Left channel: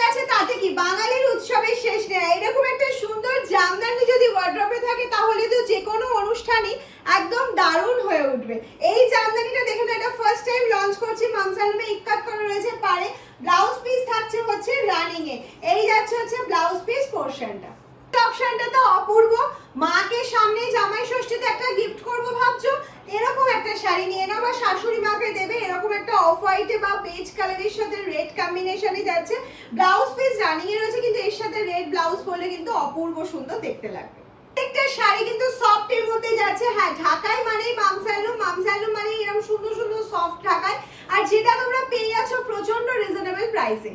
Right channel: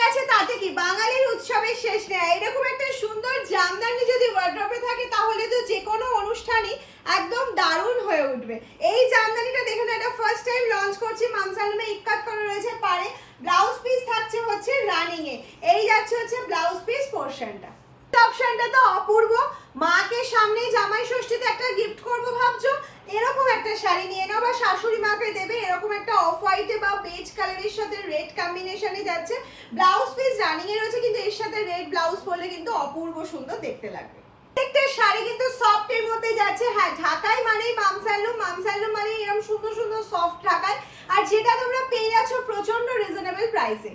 গেছে তাতে কি, বাঙালির উৎসবের শেষ নেই। এরকম একটা সুন্দর জামদানি যদি ওয়ার্ড্রপে থাকে তাহলে তো যে কোনো অনুষ্ঠানই একদম দারুণ হয়ে উঠবে। এই জামদানিটা দেখে না, এটা ফার্স্ট টাইম লঞ্চ করছি মামসালুমে। ইক্কাত করা রয়েছে পারে, ব্লাউজ পিস থাকছে হচ্ছে রানিং এ। এই যাচ্ছে হচ্ছে ব্লাউজ পিস পোরশনটা। অপশনটা তো অপূর্ব। মাকে সামনে জামাই ষষ্ঠীতে একটা গিফট করবো ভাবছো, এরকম একটা শাড়ি নিয়ে নাও, বা শাশুড়ি মাকে দেবে। এরকম একটা অফ হোয়াইটে বা বেজ কালারের সাথে রেড কম্বিনেশনে যাচ্ছে। ব্লাউজ পিস রানিং এ রয়েছে, কিন্তু এর সাথে রেড ব্লাউজ পরলে কিন্তু অপূর্ব সুন্দর দেখতে লাগবে। একটা শাড়ি কিন্তু সফট এর মধ্যে যাচ্ছে। হ্যাঁ, ঢাকাই মানেই মামসালুম, মামসালুম মানে এরকম সুন্দর সুন্দর সফট ঢাকায়, আর যেটা তোমরা পেয়ে যাচ্ছ প্রচন্ড রিজনেবল প্রাইসে।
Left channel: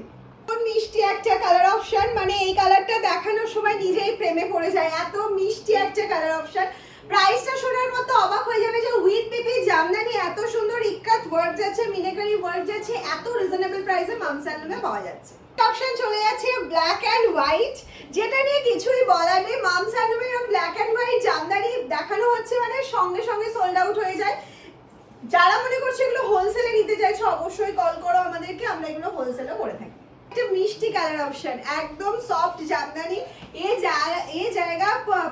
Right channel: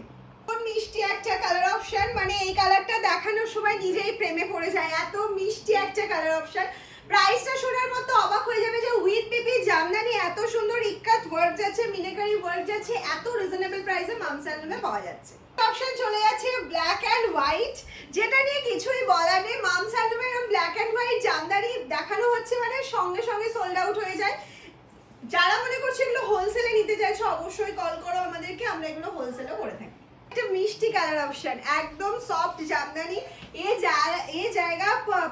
মিষ্টি একটা কালার অপশন, মানে এই কালারটা দেখানোর সময় নিজেই প্রেমে পড়ে যায়, এত মিষ্টি একটা কালার অপশন। প্রাইসটা শোনার মতো অবাক হয়ে যাবে যে উইথ পিপি জামদানি এত সুন্দর ইক্কাত ওয়ার্ক যাচ্ছে, মিনাকারি ওয়ার্ক যাচ্ছে, এত রিজনেবল প্রাইসে মামসালুমে পাওয়া যাচ্ছে। অপশন চলে যাচ্ছে ব্ল্যাক এন্ড হোয়াইট, যেটা নিয়ে কিছুই বলার নেই। মামসালুমে এরকম ব্ল্যাক এন্ড হোয়াইট জামদানি দেখানো হচ্ছে মানে সঙ্গে সঙ্গে সোল্ড আউট হয়ে যায়। যারা মনে করছে এগুলো হোলসেলে নিতে চাইছো অবশ্যই কল করো আমাদেরকে, আমরা এগুলো হোলসেলও করে থাকি। একটা মিষ্টি কালার অপশন, একদম সফট জামদানি। ये जाएगा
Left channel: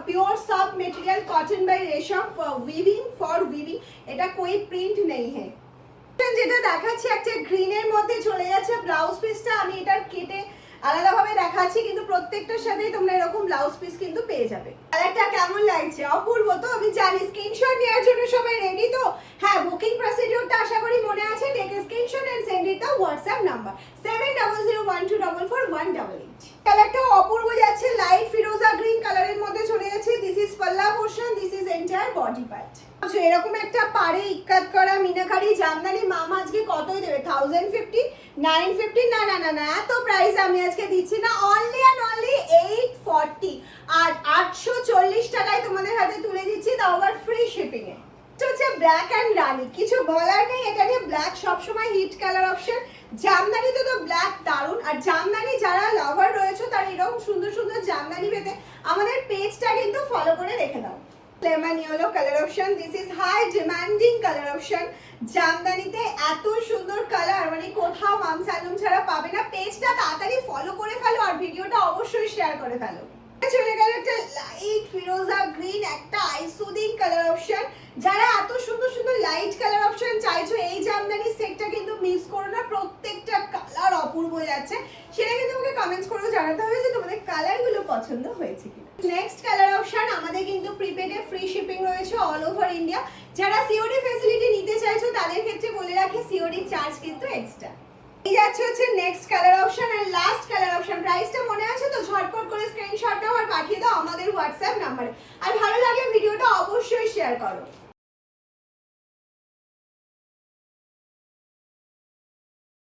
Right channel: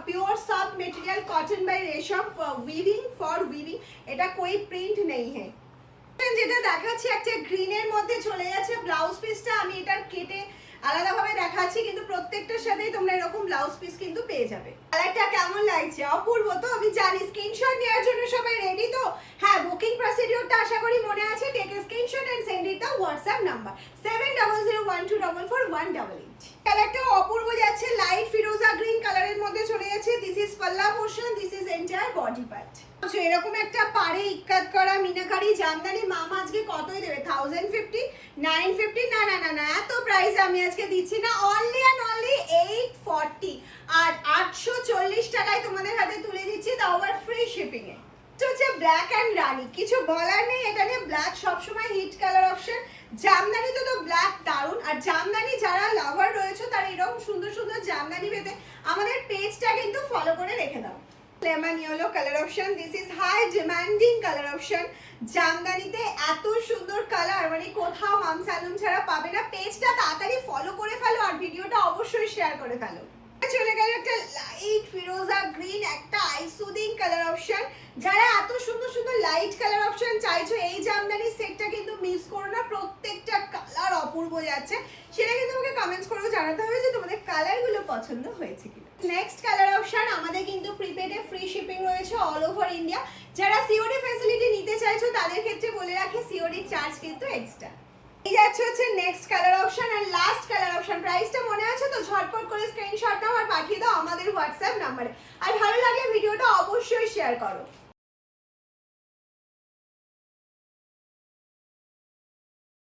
pure soft material cotton bye रेशम वीविंग फॉर वीविंग, এটা कोई প্রিন্ট नहीं है। যেটা দেখাচ্ছি একটা গ্রিনের মধ্যে চলে যাচ্ছে ব্লাউজ পিসটা। আমি এটা কেটে আলাদাভাবে দেখাচ্ছি, কিন্তু প্রত্যেকটার সাথেই তোমরা এরকম ব্লাউজ পিস কিন্তু পেয়ে যাবে। কালারটা কেমন লাগছে? অপূর্ব তো? আমি জানি স্ক্রিনশট নেওয়ার জন্য সবাই রেডি তো? হ্যাঁ, বুকিং প্রসিডিউরটা আশা করি মনে আছে। Take a screenshot and send it the WhatsApp number 7001244188। কালারটা অপূর্ব যাচ্ছে, লাইট ফিরোজা গ্রিন কালারের মধ্যে চলে যাচ্ছে। দিস ইজ পাল্লা portion, this is entire body part. আচ্ছা, এরকম একটা পারে ইক্কাত করা মিনাকারি জামদানি মামা আজকে কতই দেবে? 1050, 950? না না না না, এত প্রাইস আমি আজকে দিচ্ছি না। অনলি অ্যান্ড অনলি 840, আর 840 টাকায় তোমাদের হাতে তুলে দিচ্ছি, তাও আবার ফ্রি শিপিং এ। হচ্ছে ব্ল্যাক এন্ড রানি, কিছু বলার নেই। এটা নিয়ে ব্ল্যাক সবসময় হিট কালার অপশন। জামদানিতে তো ব্ল্যাক দারুন, আর জামদানি যারা লাভার রয়েছে তারা এরকম সুন্দর সুন্দর জামদানি পেতে আমাদের পেজটা কিন্তু ফলো করে রেখে দাও। Lemon yellow colour option, this is high demanding colour option. জামদানিতে এত সুন্দর কালার মানে কোথাও মামসালুম ছাড়া পাবে না। পেজটা তাড়াতাড়ি ফলো করে ফেলো, আর ভিডিওটা অবশ্যই শেয়ার করে ফেলো। চলে গেল একটা লাইট ফিরোজা গ্রিন, একটা আই সুদিং কালার অপশন। যারা এত সুন্দর সুন্দর লাইট কালার অপশন চাইছো, এই জামদানি সেটটা কিন্তু মিস করো না। প্রত্যেকটা কালার অপূর্ব যাচ্ছে, সেটা কিন্তু তোমাকে কমেন্টস করে জানাতে হবে যে তোমাদের কালারগুলো পছন্দ হয়েছে কিনা। নেক্সট কালার অপশন, আমাদের কিন্তু প্রিপেডে ফ্রি শিপিং রয়েছে অল ওভার ইন্ডিয়া। যারা সিওডি ফ্যাসিলিটি নিতে চাইছো তাদের ক্ষেত্রে বলে রাখি, সিওডি চার্জ কিন্তু এক্সট্রা। এই যাচ্ছে হচ্ছে নেক্সট কালার অপশন আর লাস্ট কালার অপশন। প্রাইসটা মনে আছে তো? ঝটপট করে স্ক্রিনশট নাও আর পাঠিয়ে দাও আমাদের হোয়াটসঅ্যাপ নাম্বারে। আর ভালো লাগলে ভিডিওটা অবশ্যই শেয়ার করো।